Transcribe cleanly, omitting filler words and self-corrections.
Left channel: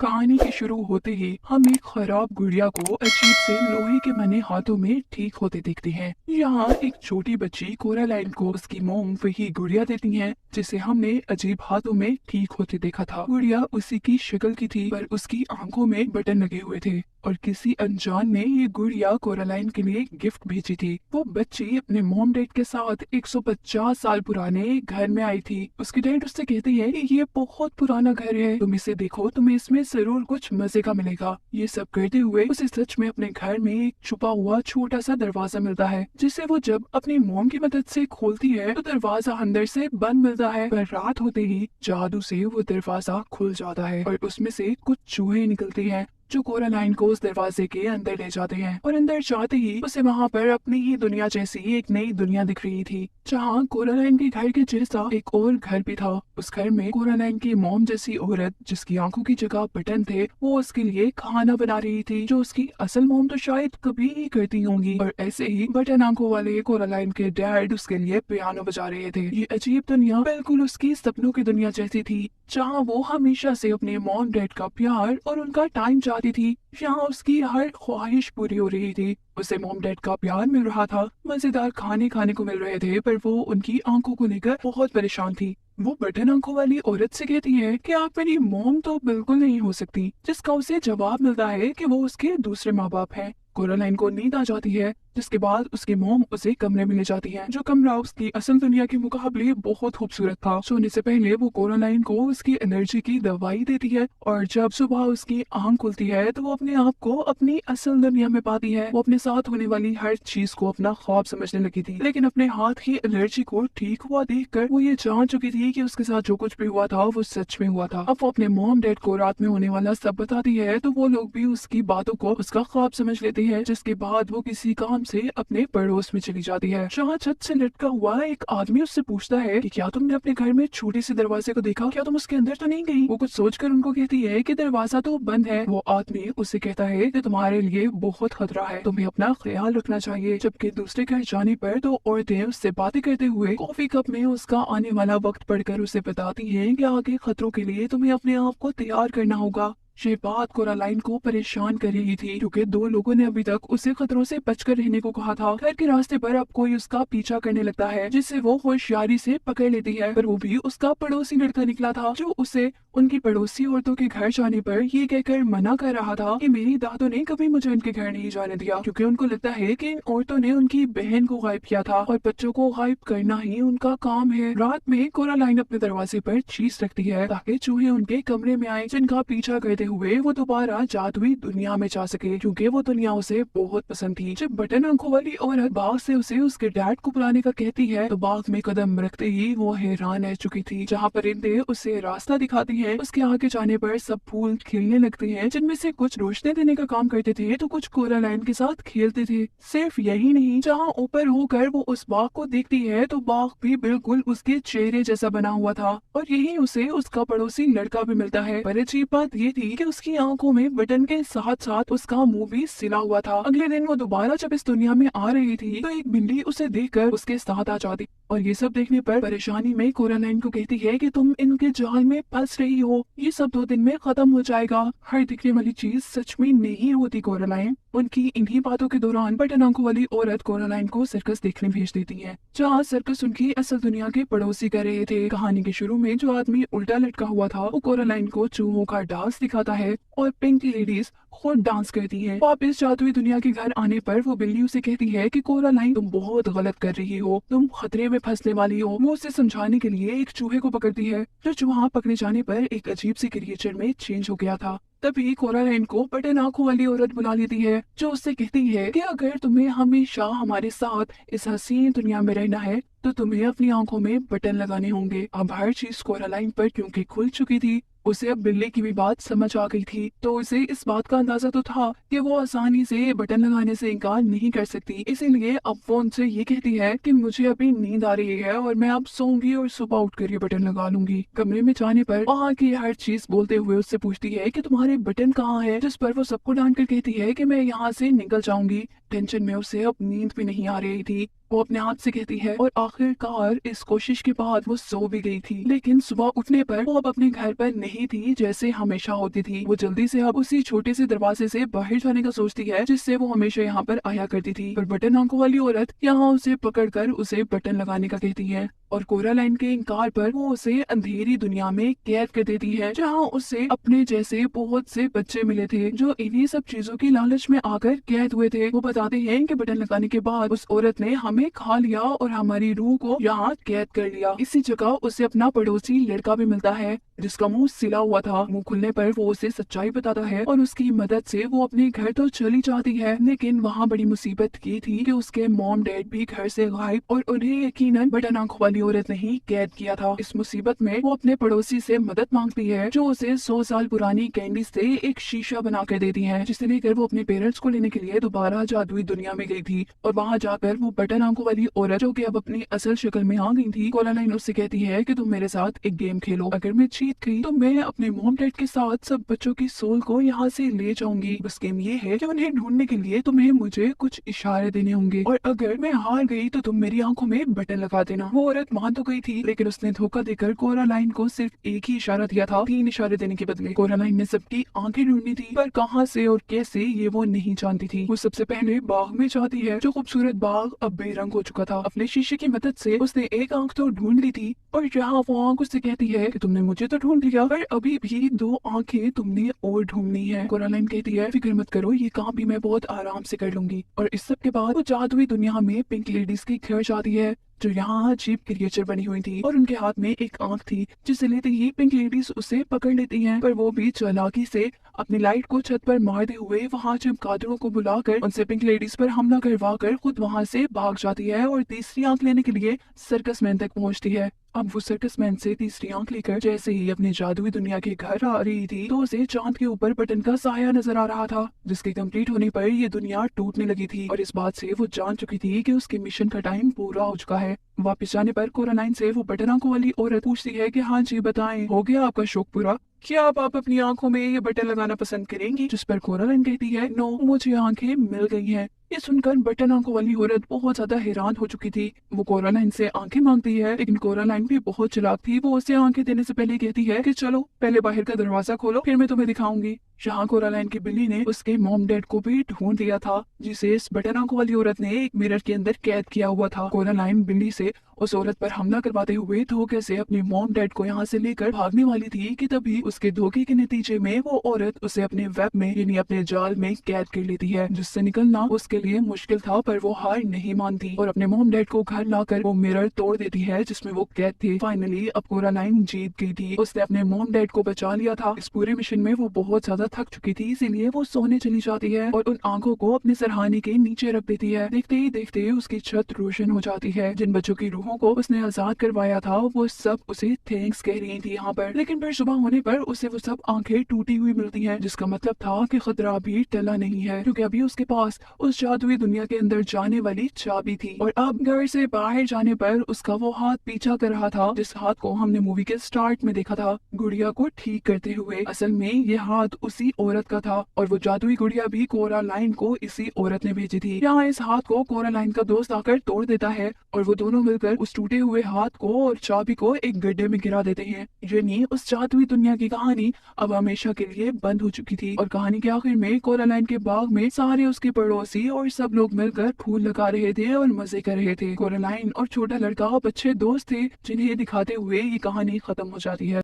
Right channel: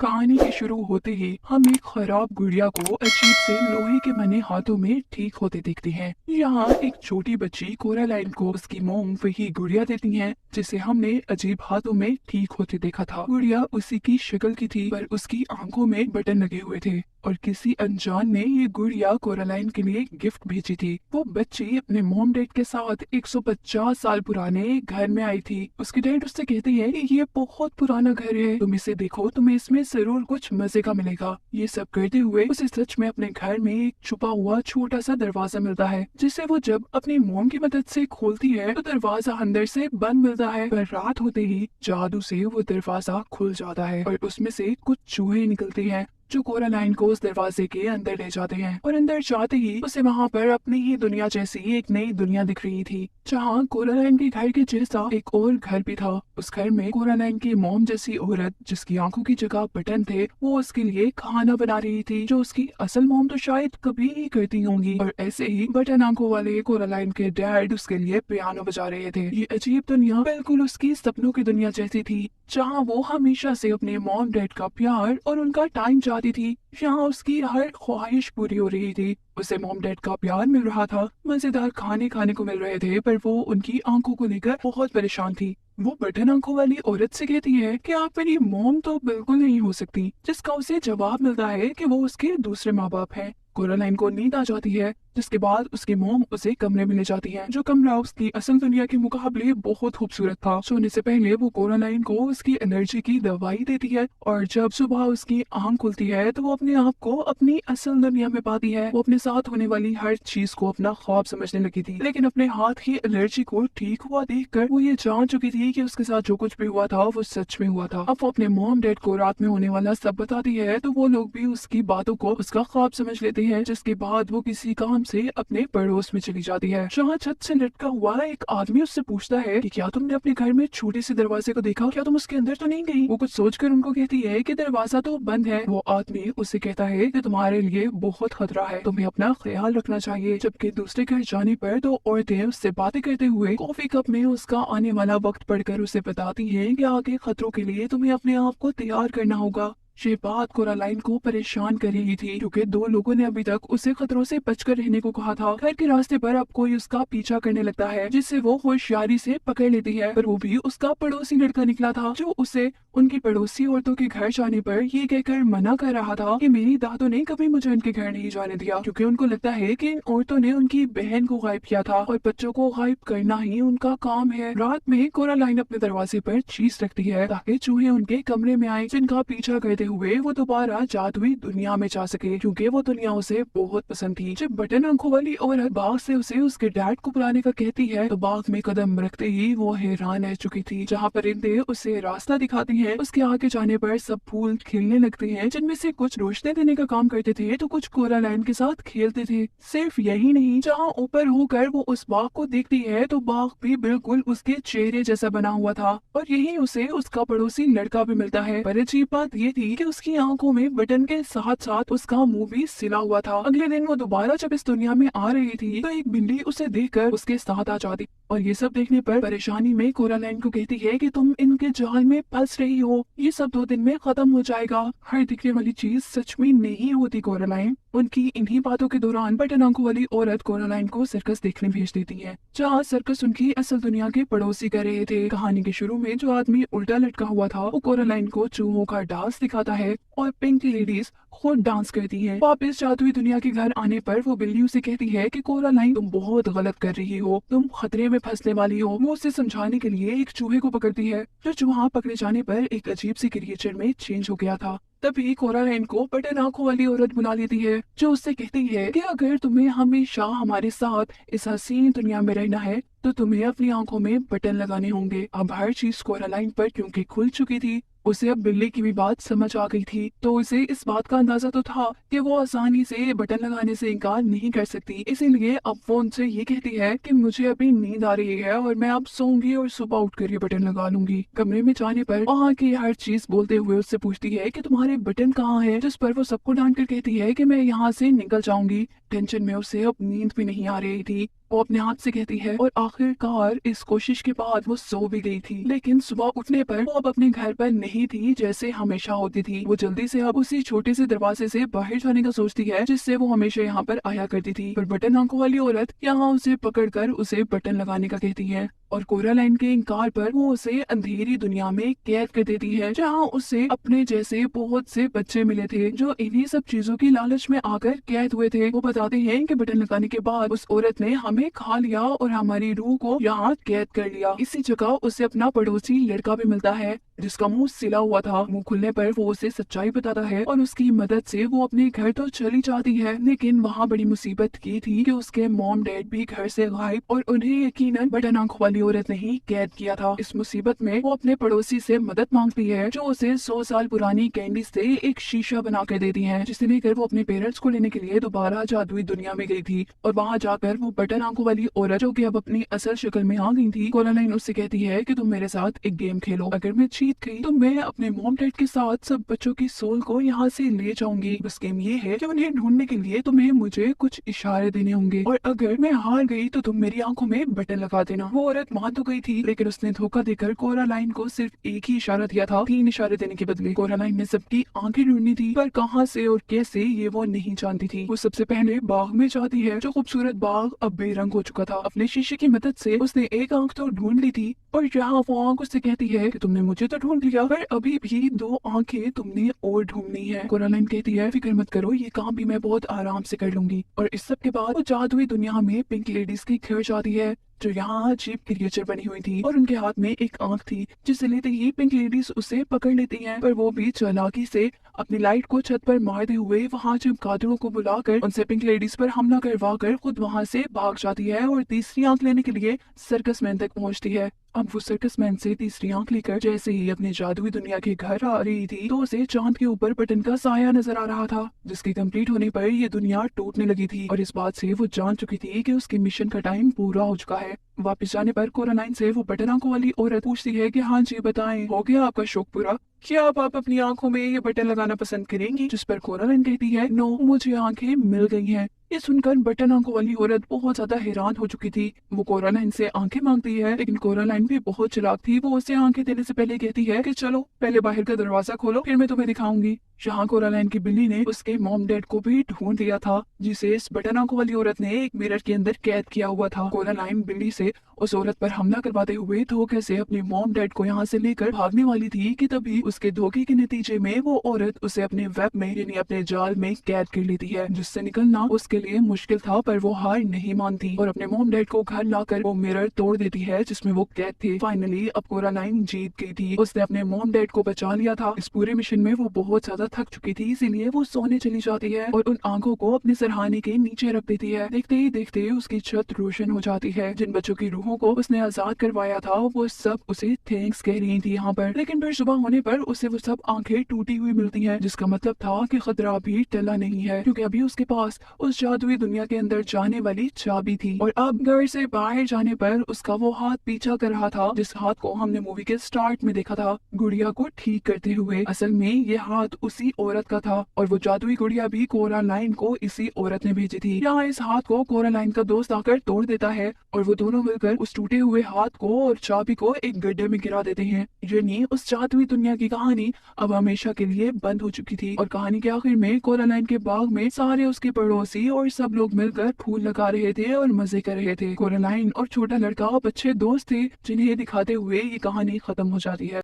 कहानी के शुरू होते ही हम एक खराब गुड़िया को अजीब से लोहे के बने हाथों में ठीक होते देखते हैं। यहाँ एक छोटी बच्ची कोरालाइन को उसकी मोम वही गुड़िया देती है जिसे हमने अजीब हाथों में ठीक होते देखा था। गुड़िया उसी की शक्ल की थी पर उसकी आंखों में बटन लगे हुए थे और किसी अनजान ने ये गुड़िया कोरालाइन के लिए गिफ्ट भेजी थी। वो बच्ची अपने मोम डैड के साथ 150 साल पुराने घर में आई थी। उसकी डैड उससे कहती है कि ये बहुत पुराना घर है, तुम इसे देखो, तुम्हें इसमें जरूर कुछ मजे का मिलेगा। ये सब करते हुए उसे सच में अपने घर में एक छुपा हुआ छोटा सा दरवाजा मिलता है जिसे वो जब अपनी मोम की मदद से खोलती है तो दरवाजा अंदर से बंद मिलता है। पर रात होते ही जादू से वो दरवाजा खुल जाता है और उसमें से कुछ चूहे निकलते हैं जो कोरालाइन को उस दरवाजे के अंदर ले जाते हैं। और अंदर जाते ही उसे वहाँ पर अपनी ही दुनिया जैसी एक नई दुनिया दिख रही थी जहाँ कोरालाइन के घर के जैसा एक और घर भी था। उस घर में कोरालाइन की मोम जैसी औरत जिसकी आंखों की जगह बटन थे वो उसके लिए खाना बना रही थी जो उसकी असल मोम तो शायद कभी ही करती होंगी। और ऐसे ही बटन आंखों वाले कोरालाइन के डैड उसके लिए पियानो बजा रहे थे। ये अजीब दुनिया बिल्कुल उसकी सपनों की दुनिया जैसी थी जहाँ वो हमेशा से अपने मॉम डैड का प्यार और उनका टाइम चाहती थी। यहाँ उसकी हर ख्वाहिश पूरी हो रही थी। उसे मॉम डैड का प्यार मिल रहा था, मजेदार खाने खाने को मिल रहे थे, पर वो उनकी आंखों को लेकर बहुत परेशान थी। वो बटन आंखों वाली औरत से कहती है कि आप मेरी मॉम तो बिल्कुल नहीं हो सकती, जिसका उसे जवाब मिलता है कि वो उसके दूसरे माँ बाप हैं। कोरालाइन को नींद आ जाती है जिसके बाद उसकी मोम उसे कमरे में ले जाती है जो कमरा उसकी असल दुनिया के मुकाबले बहुत खूबसूरत था। सोने से पहले वो कोरालाइन को उसकी एनर्जी की दवाई देती है और जब सुबह उसकी आंख खुलती है तो वो अपने आप को अपनी असल दुनिया में पाती है। वो अपने साथ होने वाली हर चीज को अपना ख्वाब समझने लगी थी, लेकिन अपने हाथ की एलर्जी को ठीक हुआ देखकर वो ये जान चुकी थी कि उसके साथ जो कुछ भी हुआ था वो सच में हुआ था। अब वो अपने मॉम डैड को रात में होने वाला सब बताती है तो वो लोग भी उसकी बातों को उसका ख्वाब समझ लेते हैं, जिसके बाद वो किसी काम से अपने पड़ोस में चली जाती है। जहाँ छत से लटका हुआ एक आदमी उससे पूछता है कि क्या तुमने अपने घर में छोटे से दरवाजे को देखा, क्या तुम उसके अंदर तो नहीं गई? वो कुछ सोचकर उनको कहती है कि दरवाजा तो बंद है। वो आदमी उससे कहता है कि तुम्हारे लिए बहुत खतरा है, तुम्हें अपना ख्याल रखना चाहिए। जबकि दूसरे घर जाने पर दो औरतें उससे बातें करते हुए कॉफी कप में उसका आने वाला वक्त पढ़कर उसे बताती है कि आगे खतरों के लिए तुम्हें अपने आप को तैयार करना होगा। ये बात कोरालाइन को परेशान कर रही थी क्योंकि दो लोगों ने अभी तक उसे खतरों से बचकर रहने को कहा था। घर के रास्ते पर अब कोई उसका पीछा करने लगता है जिससे वो होशियारी से पकड़ लेती है, पर वो भी उसका पड़ोसी लड़का निकला था जो उसे उनकी पड़ोसी औरतों के घर जाने पर ये कहकर मना कर रहा था कि मेरी दादों ने कभी मुझे उनके घर नहीं जाने दिया क्योंकि उनको लगता है कि इन औरतों ने उनकी बहन को गायब किया था और बच्चों को गायब करना ही उनका काम है। रात में कोरालाइन अपने दरवाजे पर चीज रखती है ताकि चूहे उनके कमरे में आए जिनका पीछा करते हुए वो दोबारा जादुई दुनिया में जा सके क्योंकि वो दुनिया उसे बहुत पसंद थी। जब बटन आंखों वाली औरत बाग से उसे उसके डैड को बुलाने का कहती है तो बाग में कदम रखते ही वो हैरान रह चुकी थी। जहाँ परिंदे उसे रास्ता दिखाती हैं उसके आगे जाने पर सब फूल खिलने लगते हैं जिनमें से कुछ रोशनी देने का काम करते थे तो कुछ कोरालाइन के साथ खेलते थे। सिर्फ यही नहीं, जहाँ ऊपर होकर वो उस बाग को देखती है तो बाग भी बिल्कुल उसके चेहरे जैसा बना हुआ था और यही उसे उसका पड़ोसी लड़का भी मिलता है। पर अजीब बात ये थी कि उसकी आंखों में बटन के साथ साथ उसका मुंह भी सिला हुआ था। अगले दिन वो दोबारा जब इस दुनिया में आ रही थी तो एक बिल्ली उसे देखकर उसके साथ आ जाती और ये सब देखने पर परेशानी में कोरालाइन को कहती है कि तुम इनके जाल में फंस रही हो, ये सब 2 दिन में खत्म हो जाएगा। हर दिखने वाली चीज सच में नहीं होती कोरालाइन। उनकी इन्हीं बातों के दौरान बटन आंखों वाली औरत कोरालाइन को सर्कस देखने भेज देती है जहाँ सर्कस उनकी असल दुनिया के पड़ोसी कर रहे थे। कहानी के शुरू में जो आदमी उल्टा लटका हुआ था वो कोरालाइन को चूहों का डांस दिखाता है और पिंक लेडीज खुद डांस करती हैं। वापस जादुई दुनिया के घर आने पर वो बिल्ली उसे कहती है कि कोरालाइन तुम बहुत गलत कर रही हो, तुम खतरे में फंसने वाली हो। वो उसे समझाने के लिए एक चूहे को पकड़ती है जो चूहा पकड़े जाने पर एक अजीब सी क्रिएचर में चेंज हो गया था। तभी कोरालाइन को बटन आंखों वाली औरत बुला लेती है जो उससे कहती है कि अगर तुम्हें हमेशा हमारे साथ इस हसीन दुनिया में रहना है तो तुम्हें अपनी आंखों में बटन लगाने होंगे। अब हर चीज कोरालाइन पर क्योंकि खुल चुकी थी उसे अब बिल्ली की भी बात समझ आ गई थी तो उसे इस बात का अंदाजा तो था कि वो आसानी से बटन लगाने से इनकार नहीं कर सकती। इसीलिए अब वो उनसे ये कहती है कि मुझे अभी नींद आ रही है और मैं अब सोऊंगी और सुबह उठकर ये बटन लगा लूंगी। कमरे में जाने पर वहाँ की हर चीज बोलते हुए उससे पूछती है कि तुम्हारे बटन कहाँ है, जिस पर वो सबको डांट कर कहती है कि मैं यहाँ से निकल जाऊंगी। टेंशन में उसे अब नींद भी नहीं आ रही थी। वो अपने आप से कहती है और आखिरकार इस कोशिश के बाद वो सो भी गई थी, लेकिन सुबह उठने पर वो अब अपने घर पर नहीं वही थी जैसे हमेशा होती थी। वो जल्दी से अब उसी छोटे से दरवाजे से बाहर जाने का सोचती है जिससे वो हमेशा यहाँ पर आया करती थी। पर बटन आंखों वाली औरत यहाँ उसे पकड़कर उसे बटन लगाने का कहती है और कोरालाइन के इनकार पर वो उसे अंधेरी दुनिया में कैद कर देती है, जहाँ उसे अपने जैसे बहुत से बच्चे मिले थे जो इन्हीं सब चीजों की लालच में आकर कैद हुए थे। वो बताते हैं कि बटन लगाने के बाद उस औरत ने हमें खा लिया और हमारी रूह को यहाँ कैद कर लिया। इसी जगह उसे अपना पड़ोसी लड़का भी मिलता है जिसका मुंह सिला हुआ था। मुंह खुलने पर वो उसे सच्चाई बताता है और उसकी मदद से वो अपने घर तो चली जाती है, लेकिन वहाँ बड़ी मुसीबत ये थी कि उसके मॉम डैड भी घर से गायब और उन्हें यकीनन बटन आंखों वाली औरत ने ही कैद किया था। इस मुसीबत में वो अपने पड़ोसी से मदद मांगती है जो उसे 100 साल पुरानी कैंडी से एक शीशा बना कर देती है, जिसे लेकर वो अपने पेरेंट्स को लेने के लिए दोबारा जादुई दुनिया में गई थी। और वहाँ जाकर वो बटन आंखों वाली औरत जो कि अब अपनी असल शक्ल में आ गई थी, कोरालाइन उससे कहती है कि तुम मेरे साथ एक गेम खेलो। अगर मैं जीत गई तो मैं अपने मॉम डैड के साथ सब बच्चों की सोल को यहाँ से ले जाऊंगी। बस गेम ये है कि उन्हें ढूंढने के लिए तुम्हें मुझे कुछ इशारे देने होंगे और अगर मैं हार गई तो तुम मेरी आंखों में बटन लगा देना। वो औरत मान तो गई थी, लेकिन उसने धोखा देकर कोरालाइन को सिर्फ एक ही इशारा दिया था, 3 इशारे देने के बदले। कोरालाइन ने सबकी आंखें ढूंढनी थी, पर कहाँ से और कैसे ये वो नहीं जानती थी। वो सबसे पहले बाग में जाती है, जो खूबसूरत बाग अब बेरंग हो चुका था। अपने शीशे की मदद से उसने एक आंख तो ढूंढ ली थी और यहाँ वो आंख उससे कहती है कि तुमने मुझे तो ढूंढ लिया, पर अभी भी 2 आंखें तुमने और ढूंढनी है। कोरालाइन कहती है फिक्र मत करो, ये काम भी मैं बहुत आराम से कर लूंगी। और इस सब के बाद वो जादुई दुनिया में पिंक लेडीज के घर जाती है जो यहाँ अजीब क्रिएचर बनी हुई थी और उनके हाथ में एक आंख थी, जिसे लेते ही पिंक लेडीज उसे पकड़ लेती हैं। पर वो भी चालाकी से अपनी लाइट को छत पर मारते हुए वहाँ चमगादड़ों को बुलाकर उनसे पिंक लेडीज पर हमला करवा कर खुद वहाँ से भाग जाती है और तीसरी आंख लेने के लिए सर्कस मैन तक पहुँचती है। अब वो सर्कस मैन से तीसरी आंख लेकर जैसे ही अपने जादुई दुनिया के घर आ रही थी तो उसे चांद के ऊपर बटन का साया नजर आ रहा था, जिसके कंप्लीट होने पर ये दुनिया टूटने लगी थी। और इस बात से वो जान चुकी थी कि उसके मिशन का टाइम पूरा हो चुका है। वापस जाने पर कोरालाइन से वो बटन आंखों वाली औरत पूछती है कि हाँ जी बताएं, हो गया आपका शौक पूरा? क्या अब आप अपनी आंखों में ये बटन लगाना पसंद करेंगी? जिस पर कोरालाइन कहती है नो, मुझे आंखें मिल गई हैं। ये सुनकर बटन आंखों वाली औरत बहुत ज्यादा हैरान हो चुकी थी। वो कोरालाइन से आंखें मांगती है, लेकिन कोरालाइन भी बहुत चालाक थी। वो उसे आंखें देने से पहले कहती है कि चलो पहले बाहर का दरवाजा खोलो, फिर मैं तुम्हें दिखाऊंगी। यहाँ कोरालाइन की बिल्ली ने उसके मॉम डैड को भी ढूंढ लिया था, जिसे इस बटन आंखों वाली औरत ने एक मिरर के अंदर कैद किया हुआ था। कोरालाइन बिल्ली से उस औरत पर हमला करवाते हुए धोखे से अपनी मॉम डैड को यहाँ से लेकर भागने वाली थी कि तभी उसके धोखे के नतीजे में वो औरत उसे अपने वेब में यानी अपने जाल में कैद कर लेती है, जिससे निकलना उसके लिए मुश्किल था। पर वो हार नहीं मानती और अपने मॉम डैड को घर लाकर वो मिरर तोड़ देती है जिसमें वो कैद थे। फाइनली अब कोरालाइन जीत गई थी, उसने अपने मॉम डैड को बचा लिया था। इस पूरे मिशन में वो बहुत ज्यादा थक चुकी थी, इसीलिए वो सोने चली जाती है और उन आंखों को अपने सरहाने के नीचे रख देती है। देखते ही देखते उसकी छत रोशन हो जाती है। जिन बच्चों की रूहों को उसने आजाद करवाया था वो सब उसे थैंक्स कह रही थी यहाँ पर, लेकिन फिर सुबह होने पर उसे वो सब आंखें टूटी हुई मिलती हैं, जिसका मतलब था कि खतरा भी टला नहीं है, क्योंकि अभी उसके पास उस जादुई दुनिया के अंदर जाने वाली चाबी थी। और अब घर से बाहर जाने पर उसका वो हाथ पीछा कर रहा था, जिस हाथ को हमने मूवी के स्टार्ट में देखा था गुड़िया को ठीक करते हुए। असल में ये हाथ उसी औरत का था और वो जादुई गुड़िया भी कोरालाइन को इसी औरत ने भेजी थी। यहाँ इस हाथ को कोरालाइन का दोस्त आकर तोड़ देता है और वो दोनों मिलकर उस टूटे हुए हाथ को और चाबी को एक गड्ढे में गिरा देते हैं। यानी उस जादुई दुनिया की कहानी अब हमेशा के लिए बंद हो चुकी थी। और कहानी के आखिर में कोरालाइन के बाग में सारे उसके पड़ोसी और सब लोग मिलकर फूल लगा रहे थे और मजे कर रहे थे। कोरालाइन और छोटा लड़का अब अच्छे दोस्त थे, जिन्हें दिखाते हुए ये कहानी खत्म हो जाती है।